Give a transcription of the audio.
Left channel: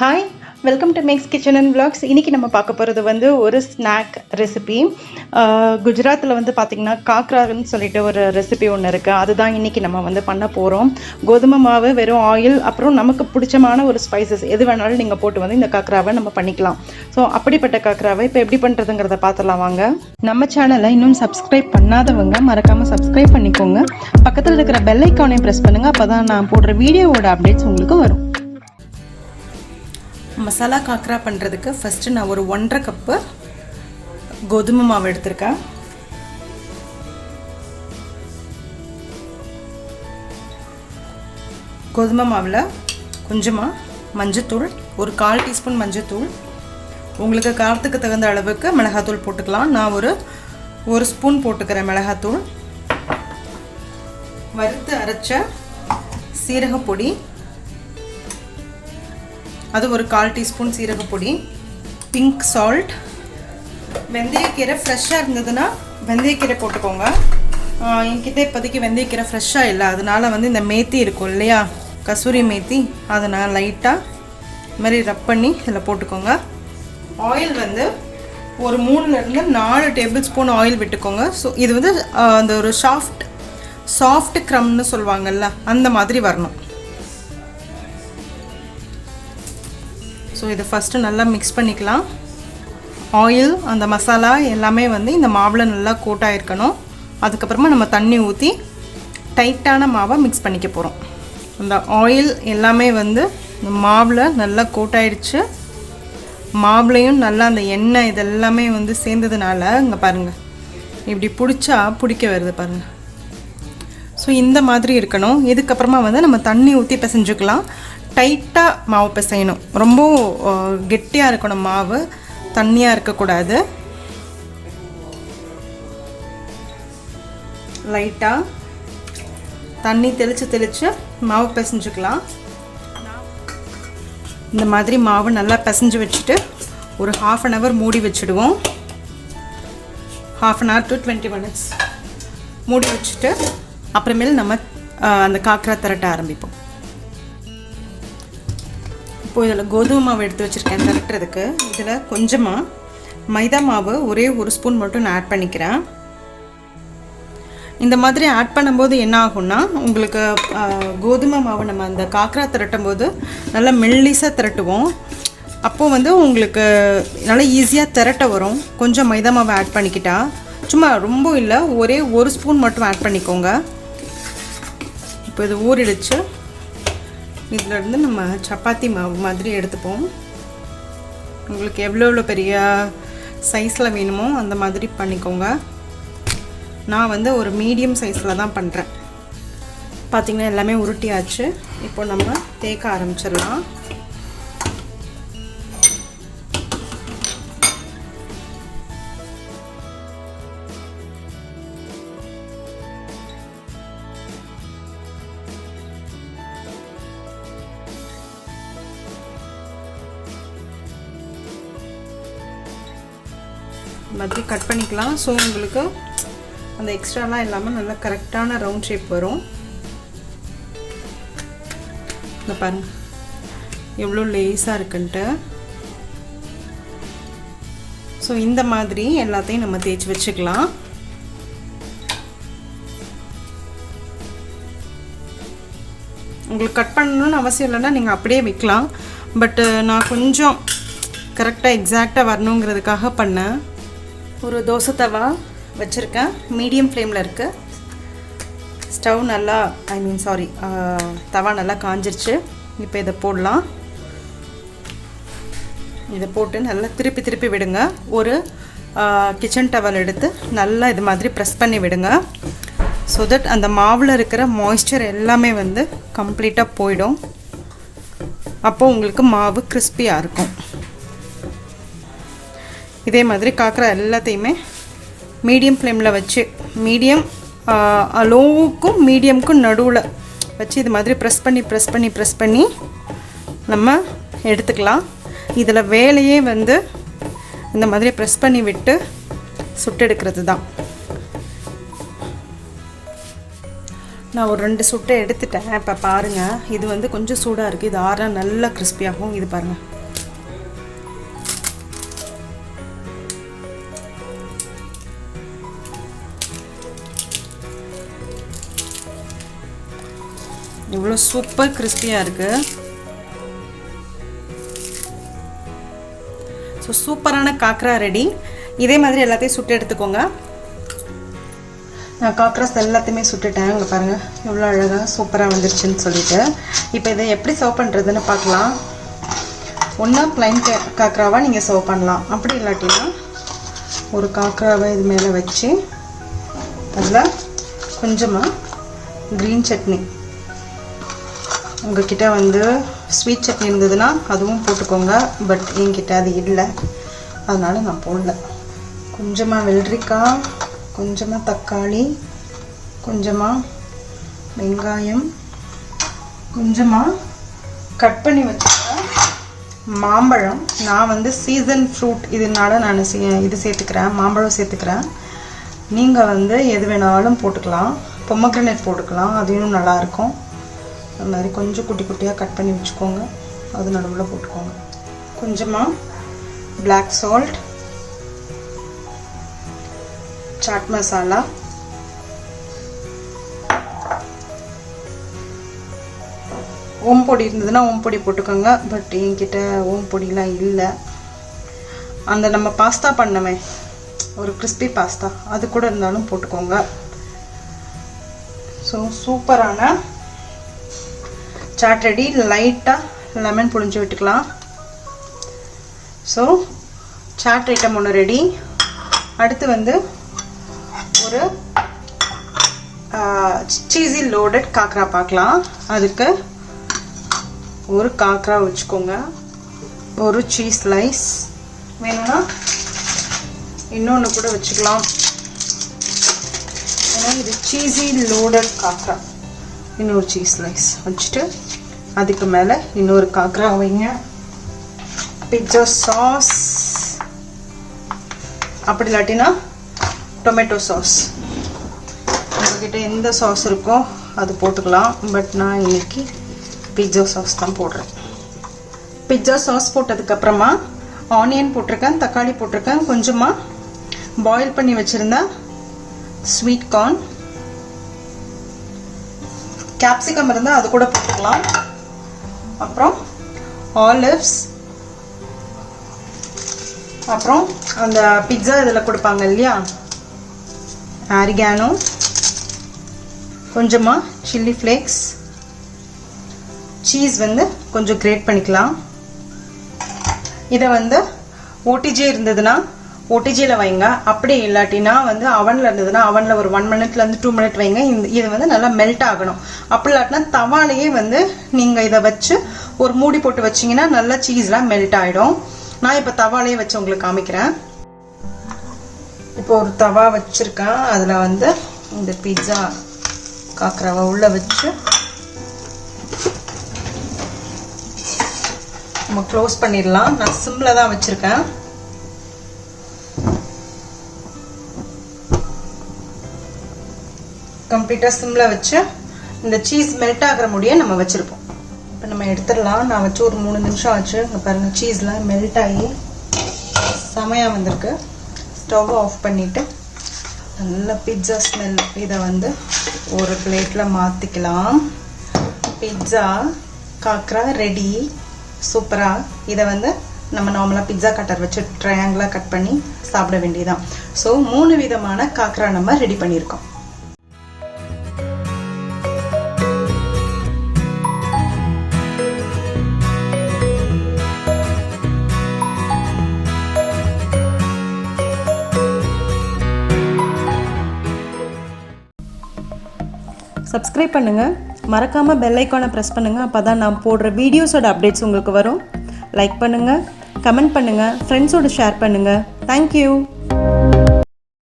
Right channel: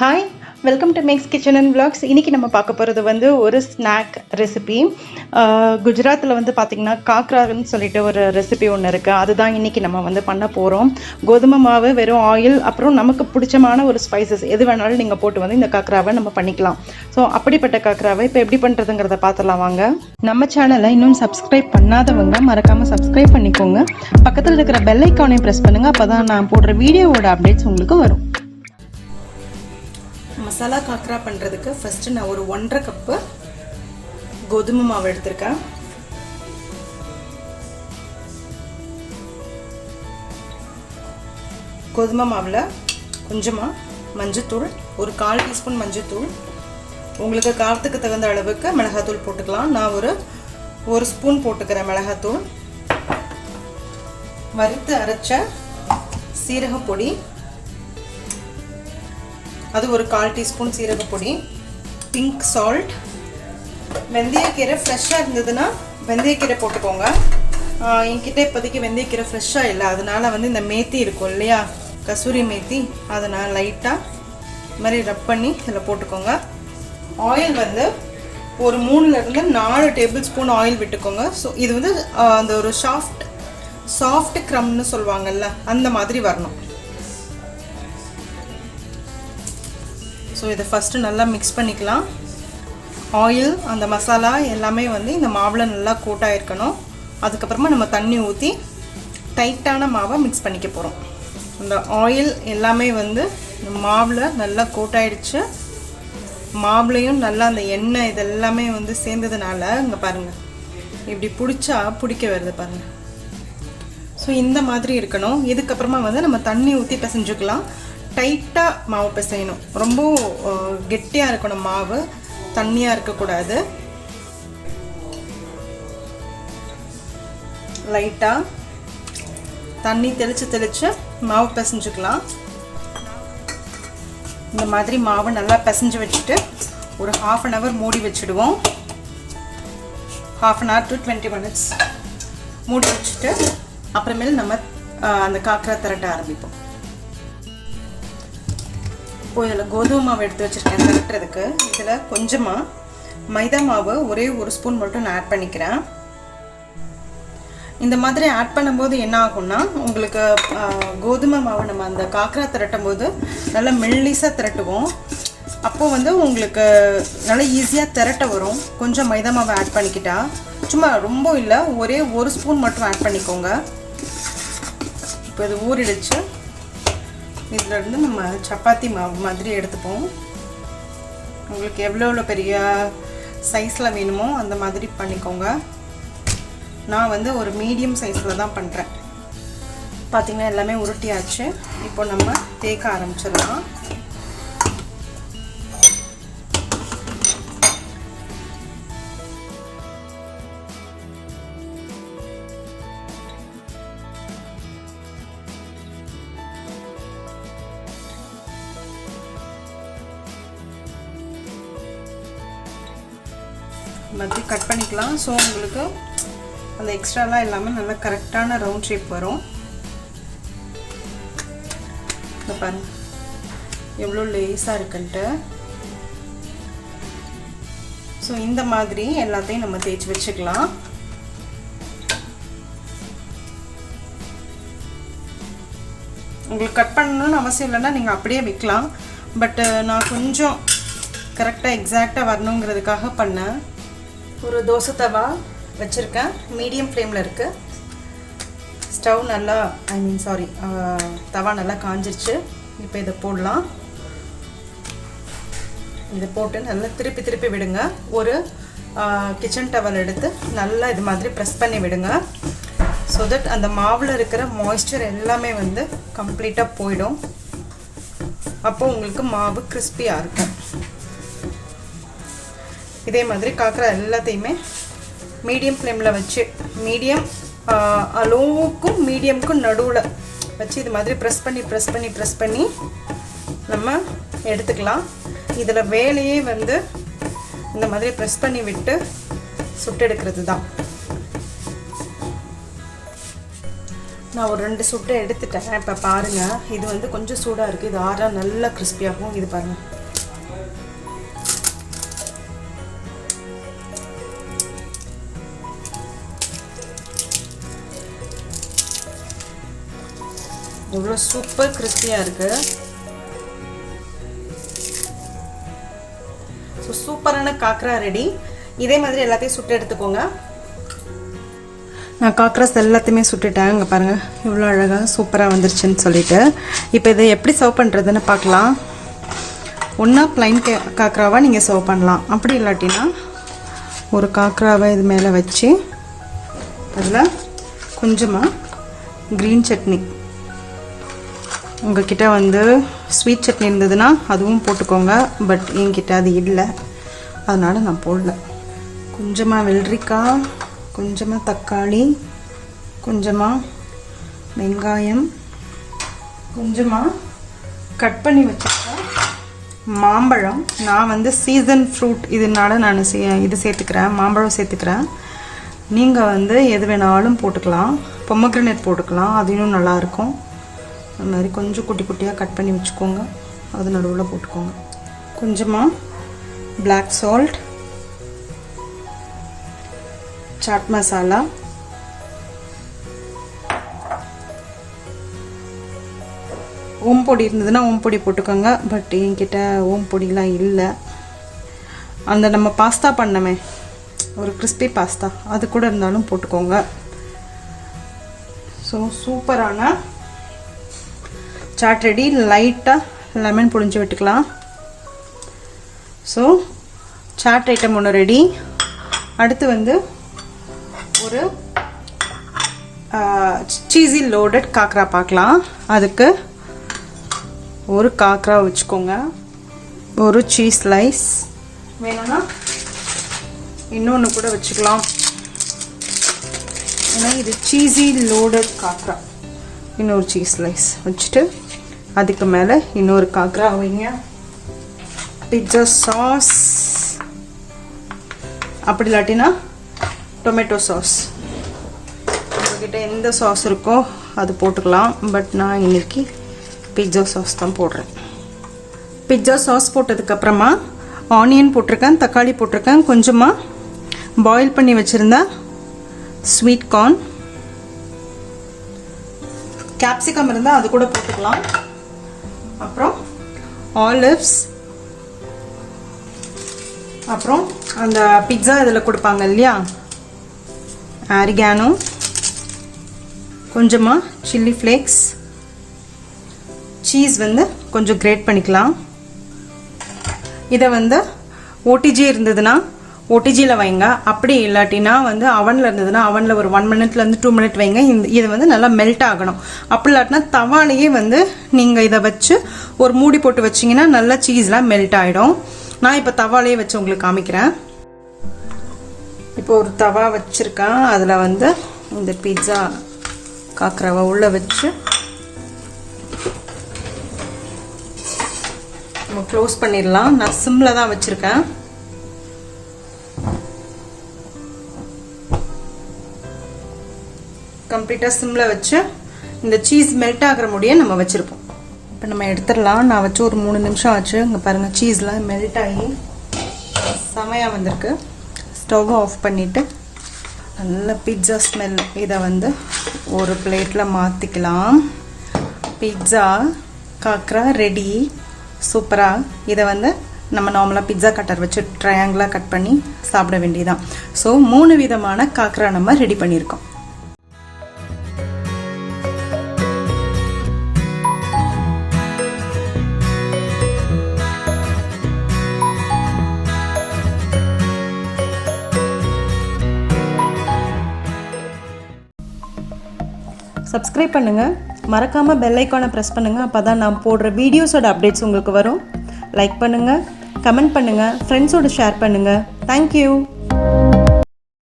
Hi, welcome to Max kitchen and vlogs. இன்றைக்கி நம்ம பார்க்க போகிறது வந்து ஒரு ஸ்நாக் ரெசிபி. குஜராத்தில் வந்து பார்த்திங்கன்னா காக்ரான்னு சொல்லிட்டு ஒரு ரெசிபி ஒன்று இருக்குது. அதுதான் இன்றைக்கி நம்ம வந்து பண்ண போகிறோம். கோதுமை மாவு, வெறும் ஆயில், அப்புறம் நமக்கு பிடிச்சமான ஒரு ஸ்பைசஸ் எது வேணாலும் நீங்கள் போட்டு வந்து இந்த காக்ராவை நம்ம பண்ணிக்கலாம். ஸோ அப்படிப்பட்ட காக்ராவை இப்போ எப்படி பண்ணுறதுங்கிறத பார்த்துலாம் வாங்க. நம்ம சேனலை இன்னும் சப்ஸ்கிரைப் பண்ணாதவங்க மறக்காமல் சப்ஸ்கிரைப் பண்ணிக்கோங்க. பக்கத்தில் இருக்கிற பெல் ஐக்கானையும் ப்ரெஸ் பண்ணுங்கள். அப்போ தான் நான் போடுற வீடியோவோட அப்டேட்ஸ் உங்களுக்கு வரும். மசாலா காக்ரா பண்ணுறதுக்கு ஃபஸ்ட்டு நான் ஒரு 1.5 கப்பு கோதுமை மாவு எடுத்திருக்கேன். கோதுமை மாவில் கொஞ்சமாக மஞ்சத்தூள், ஒரு 1/4 டீஸ்பூன் மஞ்சத்தூள், உங்களுக்கு காரத்துக்கு தகுந்த அளவுக்கு மிளகாத்தூள் போட்டுக்கலாம். நான் ஒரு ஸ்பூன் போட்டுக்கிறேன் மிளகாத்தூள். வறுத்து அரைச்ச சீரகப்பொடி, அது ஒரு 1/4 டீஸ்பூன் சீரகப்பொடி, பிங்க் சால்ட், வெந்தயக்கீரை ஃப்ரெஷ்ஷாக இருந்ததுன்னா வெந்தயக்கீரை போட்டுக்கோங்க. என்கிட்ட இப்போதைக்கு வெந்தயக்கீரை ஃப்ரெஷ்ஷாக இல்லை, அதனால் வந்து இந்த மேத்தி இருக்கும் இல்லையா, கசூரி மேத்தி, அதை நான் லைட்டாக இது மாதிரி ரப் பண்ணி இதில் போட்டுக்கோங்க. ஆயில் வந்து ஒரு 3லேருந்து 4 டேபிள் ஸ்பூன் ஆயில் விட்டுக்கோங்க. ஸோ இது வந்து அந்த ஒரு சாஃப்ட் க்ரம்னு சொல்லுவாங்கள்ல, அந்த மாதிரி வரணும். ஸோ இதை ஃபஸ்ட்டு நல்லா மிக்ஸ் பண்ணிக்கலாம். ஆயில், அந்த மசாலா எல்லாமே வந்து இந்த மாவில் நல்லா கோட்டாக இருக்கணும். அதுக்கப்புறமா நம்ம தண்ணி ஊற்றி டைட்டான மாவை மிக்ஸ் பண்ணிக்க போகிறோம். இந்த ஆயில் எல்லாமே வந்து இந்த மாவில் நல்லா கோட்டாயிடுச்சு. மாவுலையும் நல்லா அந்த எண்ணெய் இதெல்லாமே வந்து சேர்ந்ததுனால இங்கே பாருங்கள், இப்படி பிடிக்க வருது பாருங்கள். ஸோ இந்த மாதிரி இருக்கணும். இதுக்கப்புறமா வந்து நம்ம தண்ணி ஊற்றி பிசைஞ்சுக்கலாம். டைட்டாக மாவு பிசையணும், ரொம்ப கெட்டியாக இருக்கணும் மாவு, தண்ணியாக இருக்கக்கூடாது. லைட்டாக தண்ணி தெளித்து மாவு பிசைஞ்சுக்கலாம். இந்த மாதிரி மாவு நல்லா பிசைஞ்சு வச்சுட்டு ஒரு 1/2 hour மூடி வச்சுடுவோம். 1/2 hour to 20 minutes மூடி வச்சுட்டு அப்புறமேல் நம்ம அந்த காக்ரா திரட்ட ஆரம்பிப்போம். இப்போது இதில் கோதுமை மாவு எடுத்து வச்சுருக்கேன் திரட்டுறதுக்கு. இதில் கொஞ்சமாக மைதா மாவு ஒரே 1 ஸ்பூன் மட்டும் நான் ஆட் பண்ணிக்கிறேன். இந்த மாதிரி ஆட் பண்ணும்போது என்ன ஆகும்னா, உங்களுக்கு கோதுமை மாவு நம்ம அந்த காக்ரா திரட்டும் போது நல்லா மெல்லிசாக திரட்டுவோம். அப்போது வந்து உங்களுக்கு நல்லா ஈஸியாக திரட்ட வரும். கொஞ்சம் மைதா மாவு ஆட் பண்ணிக்கிட்டா, சும்மா ரொம்ப இல்லை, ஒரே 1 ஸ்பூன் மட்டும் ஆட் பண்ணிக்கோங்க. இப்போ இது ஊறிடுச்சு. இதிலேருந்து நம்ம சப்பாத்தி மாவு மாதிரி எடுத்துப்போம். உங்களுக்கு எவ்வளோ பெரிய சைஸில் வேணுமோ அந்த மாதிரி பண்ணிக்கோங்க. நான் வந்து ஒரு மீடியம் சைஸில் தான் பண்ணுறேன். பார்த்திங்கன்னா எல்லாமே உருட்டியாச்சு. இப்போ நம்ம தேய்க்க ஆரம்பிச்சிடலாம். மாதிரி கட் பண்ணிக்கலாம். ஸோ உங்களுக்கு அந்த எக்ஸ்ட்ராலாம் எல்லாமே நல்லா கரெக்டான ரவுண்ட் ஷேப் வரும். இந்த பாருங்க எவ்வளோ லேஸாக இருக்குன்ட்டு. ஸோ இந்த மாதிரி எல்லாத்தையும் நம்ம தேய்ச்சி வச்சுக்கலாம். உங்களுக்கு கட் பண்ணணும்னு அவசியம் இல்லைன்னா நீங்கள் அப்படியே வைக்கலாம். பட் நான் கொஞ்சம் கரெக்டாக எக்ஸாக்டாக வரணுங்கிறதுக்காக பண்ணேன். ஒரு தோசை தவா வச்சுருக்கேன், மீடியம் ஃப்ளேமில் இருக்குது. ஸ்டவ் நல்லா தவா நல்லா காஞ்சிருச்சு. இப்போ இதை போடலாம். இதை போட்டு நல்லா திருப்பி விடுங்க. ஒரு கிச்சன் டவல் எடுத்து நல்லா இது மாதிரி ப்ரெஸ் பண்ணி விடுங்க. ஸோ தட் அந்த மாவில் இருக்கிற மாய்ஸ்சர் எல்லாமே வந்து கம்ப்ளீட்டாக போயிடும். அப்போது உங்களுக்கு மாவு கிறிஸ்பியாக இருக்கும். இதே மாதிரி காக்ரா எல்லாத்தையுமே மீடியம் ஃப்ளேமில் வச்சு, மீடியம் லோவுக்கும் மீடியமுக்கும் நடுவில் வச்சு இது மாதிரி ப்ரெஸ் பண்ணி நம்ம எடுத்துக்கலாம். இதில் வேலையே வந்து இந்த மாதிரி ப்ரெஸ் பண்ணி விட்டு சுட்டெடுக்கிறது தான். நான் ஒரு 2 சுட்டை எடுத்துட்டேன். இப்போ பாருங்கள், இது வந்து கொஞ்சம் சூடாக இருக்குது. இது ஆறா நல்லா கிறிஸ்பியாகும். இது பாருங்கள், இவ்வளோ சூப்பர் கிறிஸ்பியாக இருக்குது. ஸோ சூப்பரான காக்ரா ரெடி. இதே மாதிரி எல்லாத்தையும் சுட்டு எடுத்துக்கோங்க. நான் காக்ராஸ் எல்லாத்தையுமே சுட்டுட்டேன். இங்கே பாருங்கள் இவ்வளோ அழகாக சூப்பராக வந்துருச்சுன்னு சொல்லிட்டு. இப்போ இதை எப்படி சர்வ் பண்ணுறதுன்னு பார்க்கலாம். ஒன்றா ப்ளைன் காக்ராவாக நீங்கள் சர்வ் பண்ணலாம். அப்படி இல்லாட்டினா ஒரு காக்ராவை இது மேலே வச்சு அதில் கொஞ்சமாக க்ரீன் சட்னி, உங்கள்கிட்ட வந்து ஸ்வீட் சட்னி இருந்ததுன்னா அதுவும் போட்டுக்கோங்க. பட் என்கிட்ட அது இல்லை, அதனால் நான் போடல. கொஞ்சமாக வெள்ளரிக்காய், கொஞ்சமாக தக்காளி, கொஞ்சமாக வெங்காயம், கொஞ்சமாக கட் பண்ணி வச்சுருக்கேன் மாம்பழம். நான் வந்து சீசன் ஃப்ரூட் இதனால நான் இது சேர்த்துக்கிறேன், மாம்பழம் சேர்த்துக்கிறேன். நீங்கள் வந்து எது வேணாலும் போட்டுக்கலாம். பொமக்ரனேட் போட்டுக்கலாம், அது இன்னும் நல்லாயிருக்கும். அது மாதிரி கொஞ்சம் குட்டி குட்டியாக கட் பண்ணி வச்சுக்கோங்க. அது நடுவில் போட்டுக்கோங்க. கொஞ்சமாக பிளாக் சால்ட், சாட் மசாலா, ஓம்பொடி இருந்ததுன்னா ஓம்பொடி போட்டுக்கோங்க. பட் என்கிட்ட ஓம்பொடிலாம் இல்லை. அந்த நம்ம பாஸ்தா பண்ணமே ஒரு கிறிஸ்பி பாஸ்தா, அது கூட இருந்தாலும் போட்டுக்கோங்க. ஸோ சூப்பரான சாட் ரெடி. லைட்டாக லெமன் புழிஞ்சு விட்டுக்கலாம். ஸோ சாட் ஐட்டம் ஒன்று ரெடி. அடுத்து வந்து ஒரு சீஸி லோடட் காக்ரா பார்க்கலாம். அதுக்கு ஒரு காக்ரா வச்சுக்கோங்க, ஒரு சீஸ் ஸ்லைஸ் வேணும்னா இன்னொன்று கூட வச்சுக்கலாம். ஏன்னா இது சீஸி லோடட் காக்ரா. இன்னொரு சீஸ் ஸ்லைஸ் வச்சுட்டு அதுக்கு மேலே இன்னொரு காக்ரா வைங்க. பிட்சா சாஸ், அப்படி இல்லாட்டினா டொமேட்டோ சாஸ், உங்கள்கிட்ட எந்த சாஸ் இருக்கோ அது போட்டுக்கலாம். பட் நான் இன்னைக்கு பிட்சா சாஸ் தான் போடுறேன். பிட்சா சாஸ் போட்டதுக்கப்புறமா ஆனியன் போட்டிருக்கேன், தக்காளி போட்டிருக்கேன், கொஞ்சமாக பாயில் பண்ணி வச்சுருந்தா ஸ்வீட் கார்ன், கேப்சிகம் இருந்தால் அது கூட போட்டுக்கலாம். அப்புறம் ஆலிவ்ஸ், அப்புறம் அந்த பிட்சா இதில் கொடுப்பாங்க இல்லையா, ஆரிகானோ, கொஞ்சமாக சில்லி ஃப்ளேக்ஸ், சீஸ் வந்து கொஞ்சம் கிரேட் பண்ணிக்கலாம். இதை வந்து ஓடிஜி இருந்ததுன்னா ஓடிஜியில் வைங்க. அப்படி இல்லாட்டினா வந்து அவனில் இருந்ததுன்னா அவனில் ஒரு 1 மினிட்லேருந்து 2 மினிட் வைங்க. இது வந்து நல்லா மெல்ட் ஆகணும். அப்படி இல்லாட்டினா தவாலேயே வந்து நீங்கள் இதை வச்சு ஒரு மூடி போட்டு வச்சிங்கன்னா நல்லா சீஸ்லாம் மெல்ட் ஆகிடும். நான் இப்போ தவாலேயே வச்சு உங்களுக்கு காமிக்கிறேன். இப்போ ஒரு தவா வச்சுருக்கேன். அதில் வந்து இந்த பிட்சா காக்ராவை உள்ளே வச்சு நம்ம க்ளோஸ் பண்ணிடலாம். நான் சிம்மில் தான் வச்சுருக்கேன். கம்ப்ளீட்டாக சிம்மில் வச்சு இந்த சீஸ் மெல்ட் ஆகிற முடிய நம்ம வச்சுருப்போம். இப்போ நம்ம எடுத்துடலாம். நான் வச்சு ஒரு 3 நிமிஷம் ஆச்சு. இங்கே பாருங்கள், சீஸ்லாம் மெல்ட் ஆகி செமையாக வந்திருக்கு. ஸ்டவ் ஆஃப் பண்ணிவிட்டு நல்ல பிட்சா ஸ்மெல். இதை வந்து ஒரு பிளேட்டில் மாற்றிக்கலாம். Pizza khakhra ready. சூப்பராக. இதை வந்து நம்ம நார்மலாக பிட்சா கட்டர் வச்சு ட்ரையாங்கிளாக கட் பண்ணி சாப்பிட வேண்டியதான். ஸோ 3 விதமான காக்ரா நம்ம ரெடி பண்ணியிருக்கோம். சப்ஸ்கிரைப் பண்ணுங்கள், மறக்காமல் பெல் ஐக்கானை ப்ரெஸ் பண்ணுங்கள். அப்போ தான் நான் போடுற வீடியோஸோட அப்டேட்ஸ் உங்களுக்கு வரும். லைக் பண்ணுங்கள், கமெண்ட் பண்ணுங்கள், ஃப்ரெண்ட்ஸோடு ஷேர் பண்ணுங்கள். தேங்க்யூ.